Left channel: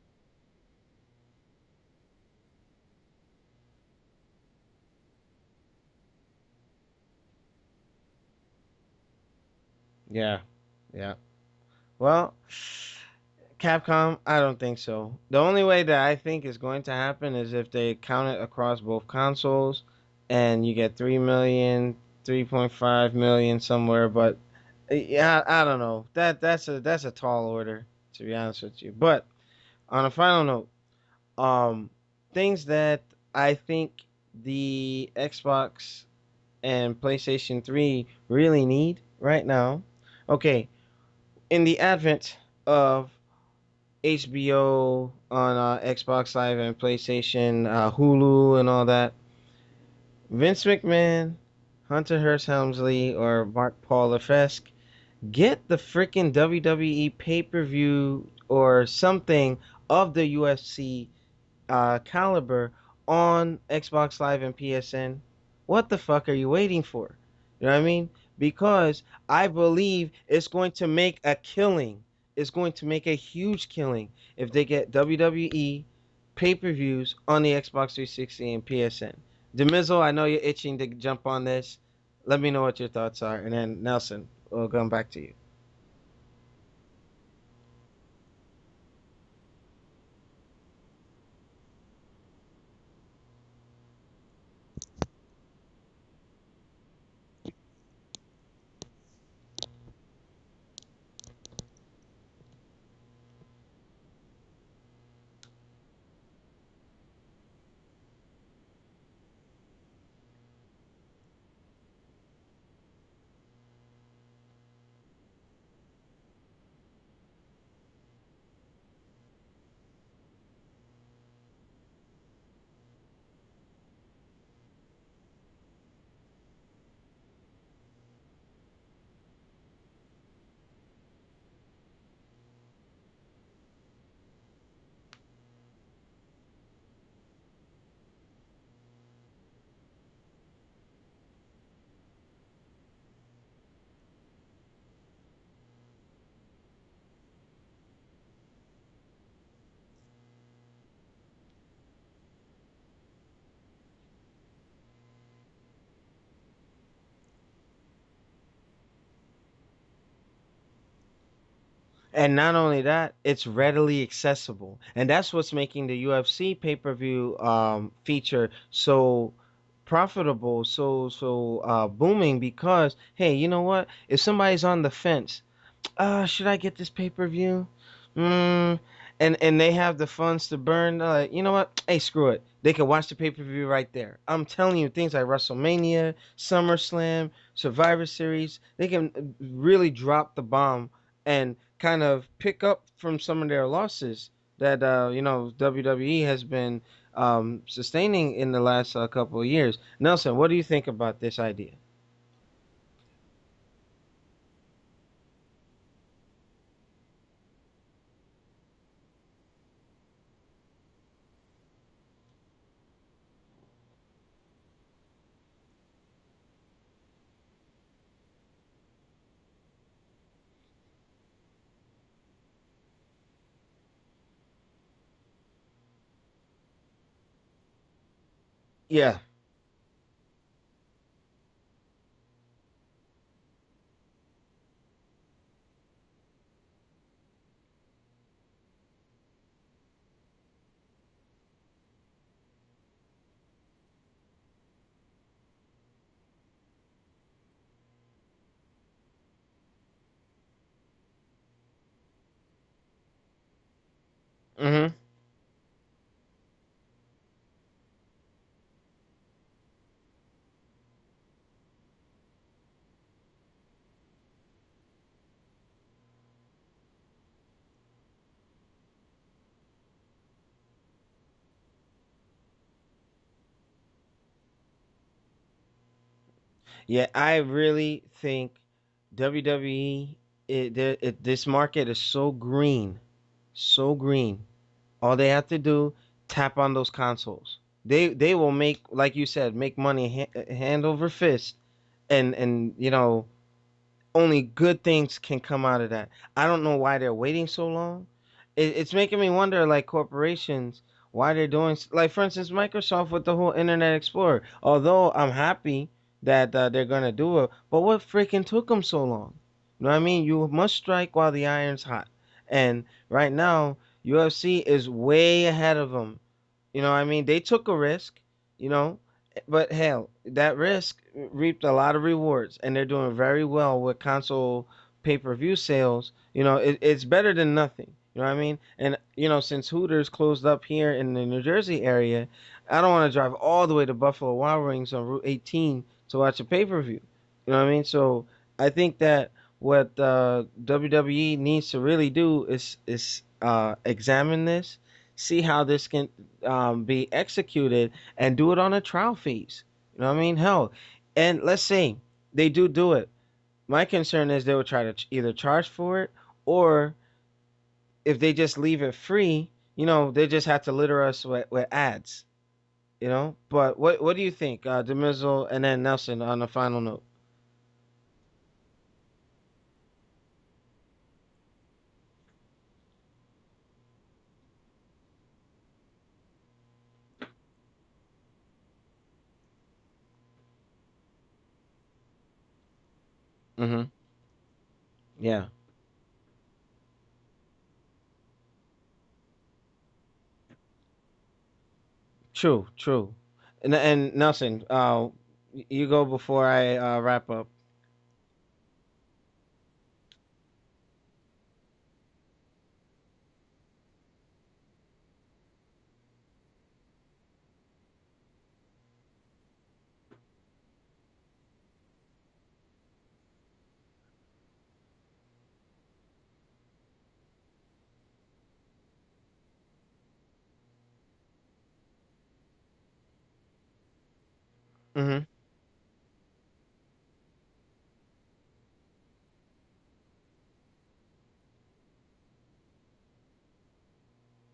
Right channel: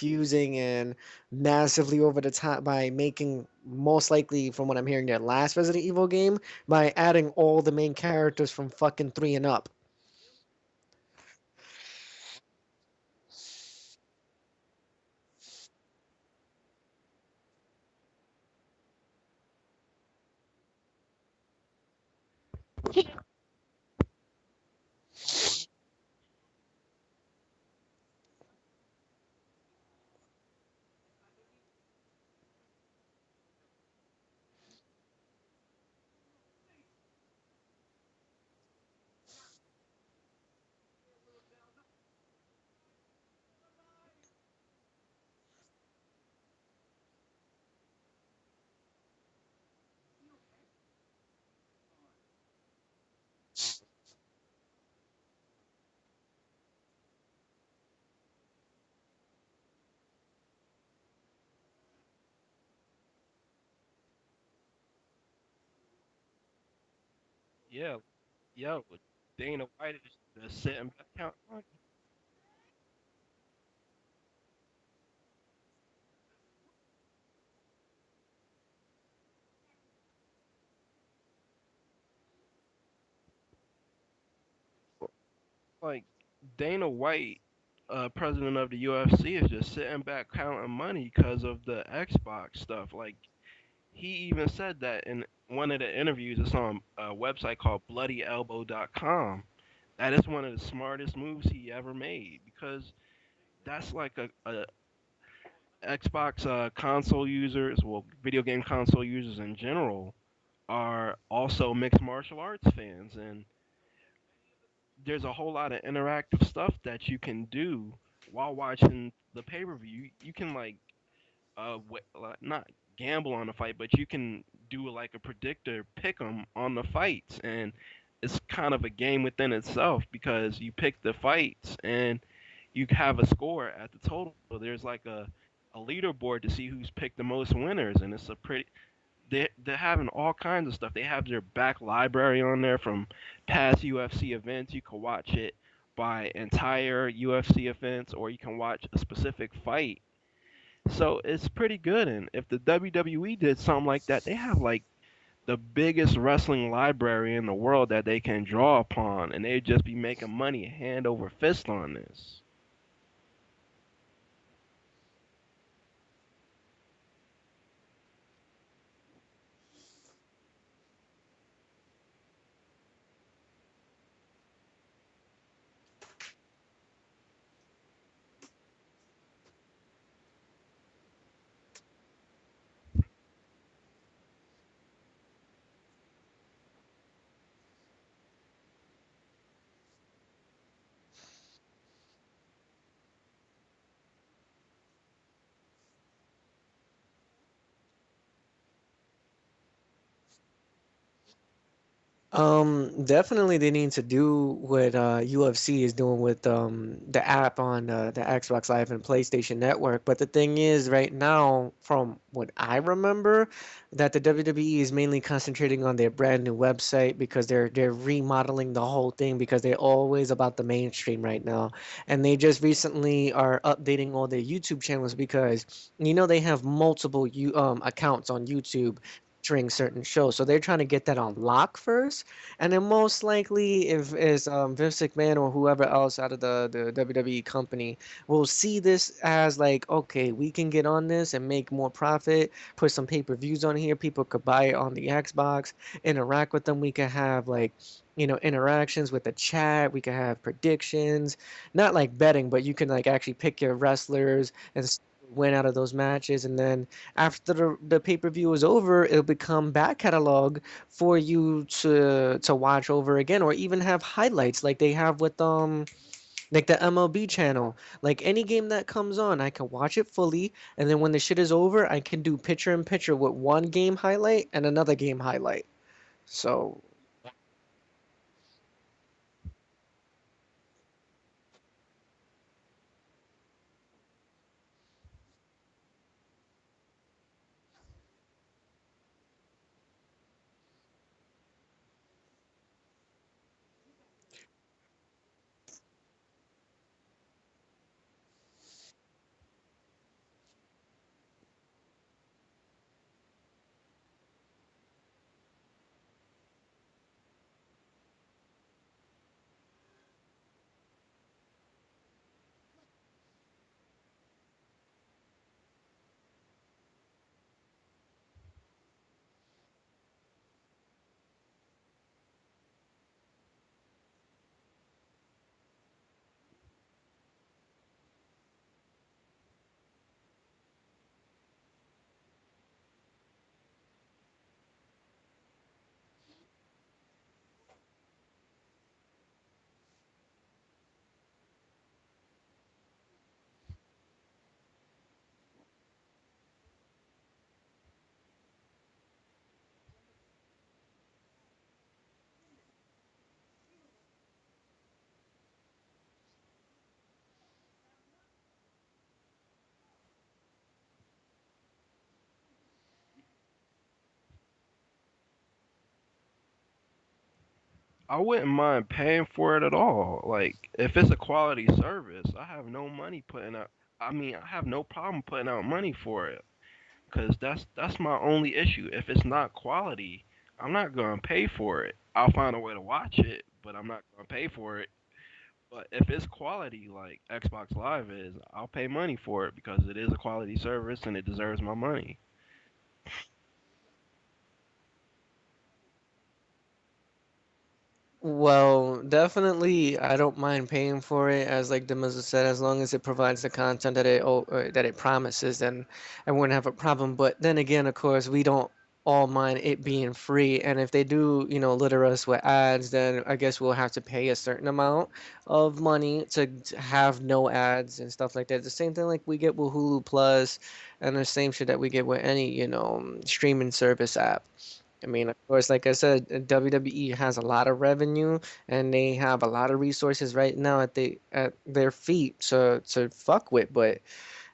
confusing and massively over the top by making, most likely from what I'm hearing, their last Resident Evil game by adding all the main characters from fucking 3 and up. Yeah, yeah. Well, Capcom, I don't think so. The only way that I think is going to happen is if they count it across both consoles, and you get 3 million, 3.5 million somewhere. But yeah, I don't know. That's a tall order, to be honest with you. But on a final note, um, things that I think the Xbox and PlayStation 3 really need right now. Okay, in the advent of HBO on Xbox Live and PlayStation, Hulu, and all that, Vince McMahon, Hunter Hearst Helmsley, or Mark Paul Lefesque, get the freaking WWE pay per view or something of the UFC caliber on Xbox Live and PSN. What the fuck are you waiting for? You know what I Yep. mean? Yep. Because I Dana White believe it's is going to sitting make a counting money. killing. It's going to make a huge killing if they get WWE pay per views on the Xbox 360 and PSN. Demizzle, I know you're itching to jump on this. Let me know what your thoughts are, and then Nelson, we'll come back to you. Like Dana White, president of the UFC, is just sitting back counting money because of the Xbox stuff. Like he even said that in one of the interviews. It's on a website called BloodyElbow.com. That is one of the smartest moves he ever made because that's like a Xbox console users, well, video game console users in general, are also mixed martial arts fans, and there's a whole lot of interactive stuff that you can do while watching the pay per view. You can like not gamble on the fight, but you can do like a predictor pick 'em on the fights, and it's kind of a game within itself because you pick the fights and you have a score at the total. There's like a leaderboard to see who's picked the most winners, and it's a pretty. They're having all kinds of stuff. They have their back library on there from past UFC events. You can watch it by entire UFC events, or you can watch a specific fight. So it's pretty good. And if the WWE did something like that, they have like the biggest wrestling library in the world that they can draw upon, and they'd just be making money hand over fist on this. And not only that, it's readily accessible, and that's what's making the UFC pay-per-view feature so profitable, so booming. Because hey, you know what? If somebody's on the fence, should I get this pay-per-view? Mm, and they have the funds to burn. Like, you know what? Hey, screw it. They can watch the pay-per-view right there. I'm telling you, things like WrestleMania, SummerSlam, Survivor Series, they can really drop the bomb and kind of pick up from some of their losses that WWE has been sustaining in the last couple of years. Nelson, what do you think about this idea? Definitely they need to do what UFC is doing with the app on the Xbox Live and PlayStation Network. But the thing is, right now, from what I remember, that the WWE is mainly concentrating on their brand new website because they're remodeling the whole thing because they're always about the mainstream right now. And they just recently are updating all their YouTube channels because they have multiple accounts on YouTube Yeah, featuring certain shows. So they're trying to get that on lock first, and then most likely, if is Vince McMahon or whoever else out of the WWE company will see this as like, okay, we can get on this and make more profit, put some pay-per-views on here, people could buy it on the Xbox, interact with them. We can have like, interactions with the chat. We can have predictions, not like betting, but you can like actually pick your wrestlers and mm-hmm. win out of those matches. And then after the pay-per-view is over, it'll become back catalog for you to watch over again, or even have highlights like they have with like the MLB channel. Like any game that comes on, I can watch it fully, and then when the shit is over, I can do picture in picture with one game highlight and another game highlight. So Yeah, I really think WWE, this market is so green. All they have to do, tap on those consoles. They will make, like you said, make money hand over fist, and only good things can come out of that. I don't know why they're waiting so long. it's making me wonder, like corporations, why they're doing like, for instance, Microsoft with the whole Internet Explorer. Although I'm happy that they're gonna do it, but what freaking took them so long? You know what I mean? You must strike while the iron's hot, and right now UFC is way ahead of them. You know what I mean? They took a risk, you know, but hell, that risk reaped a lot of rewards, and they're doing very well with console pay-per-view sales. You know, it's better than nothing. You know what I mean? And since Hooters closed up here in the New Jersey area, I don't want to drive all the way to Buffalo Wild Wings on Route 18 to watch a pay-per-view. You know what I mean? So I think that what WWE needs to really do is examine this, see how this can be executed, and do it on a trial phase. You know what I mean? Hell, and let's say they do it. My concern is they will try to either charge for it, or if they just leave it free, they just have to litter us with ads. But what do you think, Demizzle, and then Nelson on the final note? I wouldn't mind paying for it at all. Like, if it's a quality service, I have no money putting out. I mean, I have no problem putting out money for it, cause that's my only issue. If it's not quality, I'm not gonna pay for it. I'll find a way to watch it, but Mm-hmm. I'm not gonna pay for it. Yeah. But if it's quality, like Xbox Live is, I'll pay money for it because it is a quality service and it deserves my money. True. True. And Nelson, you go before I wrap up. Well, definitely, I don't mind paying for it, as like Demaza said, as long as it provides the content that it promises, then I wouldn't have a problem. But then again, of course, we don't all mind it being free, and if they do, litter us with ads, then I guess we'll have to pay a certain amount of money to have no ads and stuff like that. The same thing like we get with Hulu Plus, and the same shit that we get with any, streaming service app. I Mm-hmm. mean, of course, like I said, WWE has a lot of revenue and they have a lot of resources right now at their feet to fuck with, but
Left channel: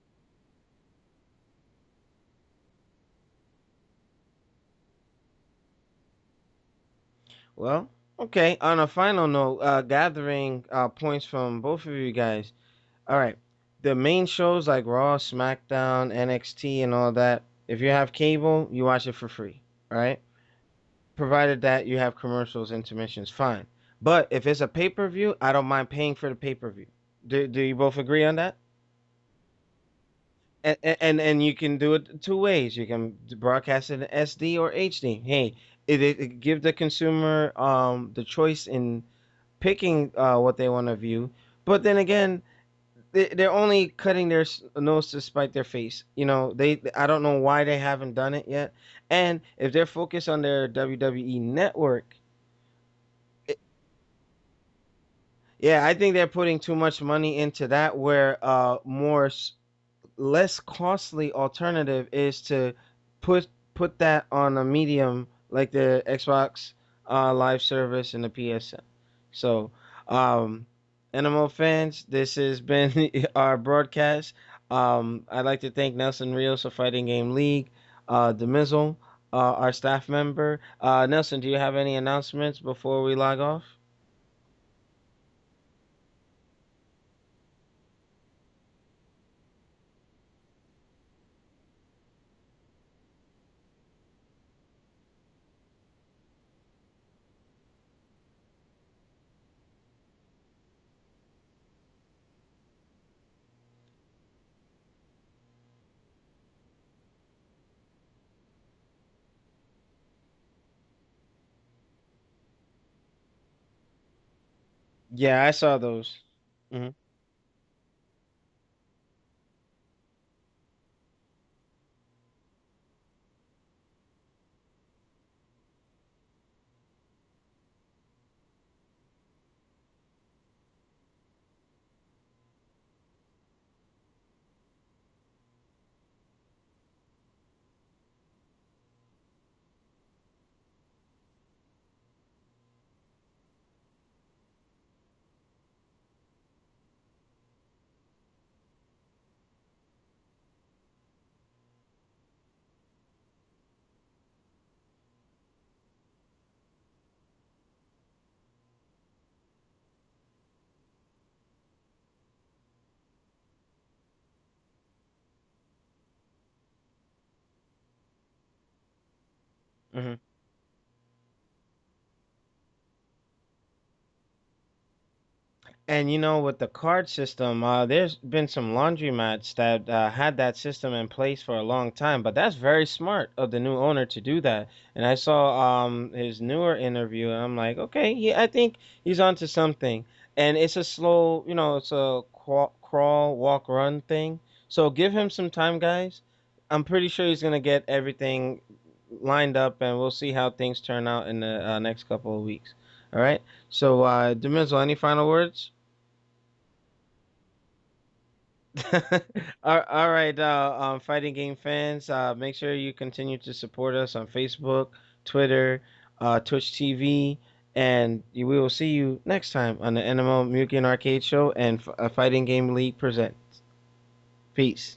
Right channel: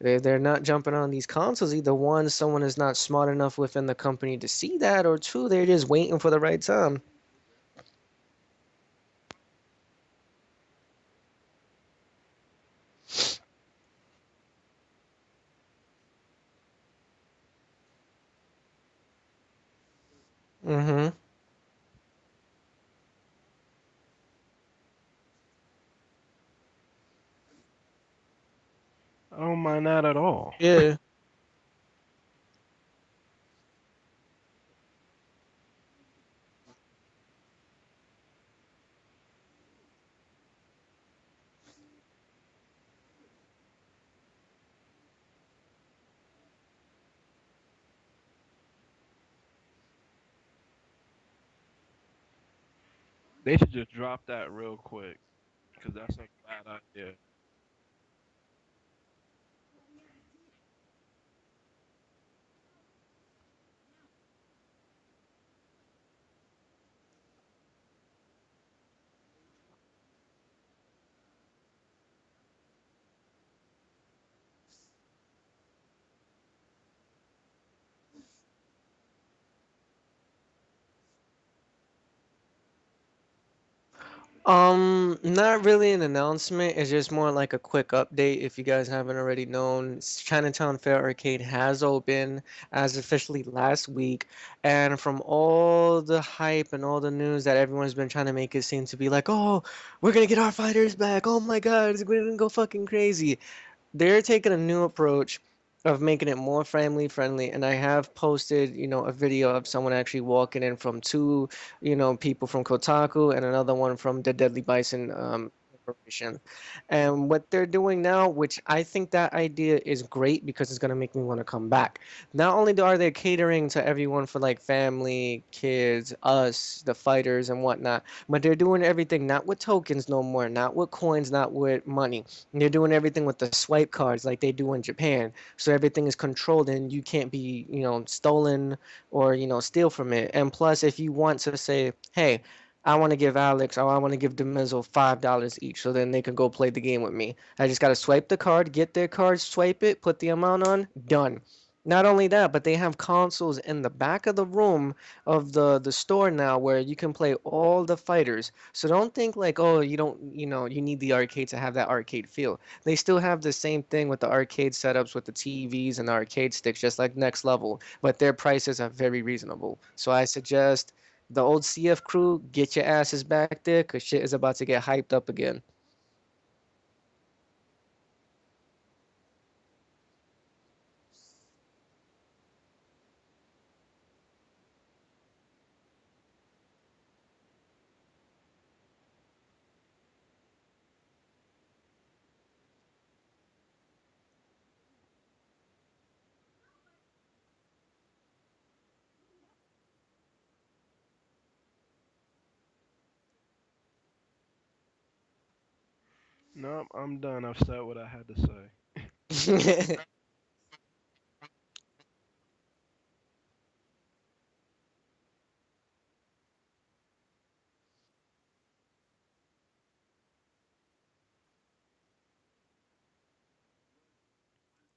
they're not jumping on these consoles. Either one, someone is not smart enough within the company to see that, or two, they're just waiting for the right time. Well, okay. On a final note, gathering points from both of you guys. All right. The main shows like Raw, SmackDown, NXT, and all that. If you have cable, you watch it for free. All right. Mm-hmm. Provided that you have commercials, intermissions, fine. But if it's a pay-per-view, I don't mind paying for the pay-per-view. Do you both agree on that? I don't mind that at all. And Yeah. and you can do it two ways. You can broadcast it in SD or HD. Hey, it give the consumer the choice in picking what they want to view. But then again, they're only cutting their nose to spite their face. I don't know why they haven't done it yet. And if they're focused on their WWE network, They should just drop that real quick. yeah, I Cause think they're putting that's too not much good. money into that. Where less costly alternative is to put put that on a medium like the Xbox Live service and the PSN. So, um, NMO fans, this has been our broadcast. I'd like to thank Nelson Rios of Fighting Game League, Demizzle, our staff member. Nelson, do you have any announcements before we log off? Not really an announcement. It's just more like a quick update. If you guys haven't already known, Chinatown Fair Arcade has opened as officially last week. And from all the hype and all the news that everyone's been trying to make it seem to be like, oh, we're gonna get our fighters back. Oh my God, we're gonna go fucking crazy. They're taking a new approach of making it more family friendly, and I have posted, a video of someone actually walking in from two, people from Kotaku and another one from the Deadly Bison Yeah, I saw those. information. Hmm. And what they're doing now, which I think that idea is great because it's gonna make me want to come back. Not only are they catering to everyone for like family, kids, us, the fighters and whatnot, but they're doing everything not with tokens no more, not with coins, not with money. They're doing everything with the swipe cards like they do in Japan. So everything is controlled and you can't be, stolen or, steal from it. And plus, if you want to say, hey, I want to give Alex or I want to give Demizzle $5 each so then they can go play the game with me. I just got to swipe the card, get their card, swipe it, put the amount on, done. Not only that, but they have consoles in the back of the room of the store now where you can play all the fighters. So don't think like, oh, you don't, you need the arcade to have that arcade feel. They still have the same thing with the arcade setups with the TVs and the arcade sticks, just like Next Level, but their prices are very reasonable. So Hmm. I suggest the old CF crew, get your asses back there, cause shit is about to get hyped up again. And with the card system, there's been some laundromats that had that system in place for a long time, but that's very smart of the new owner to do that. And I saw his newer interview, and I'm like, okay, I think he's onto something. And it's a slow, it's a crawl, walk, run thing. So give him some time, guys. I'm pretty sure he's gonna get everything lined up, and we'll see how things turn out in the next couple of weeks. All right. So, Demizel, any final words? Nope, I'm done. I've said what I had to say. All right, fighting game fans, make sure you continue to support us on Facebook, Twitter, Twitch TV, and we will see you next time on the NMO Mugen Arcade Show and Fighting Game League presents. Peace.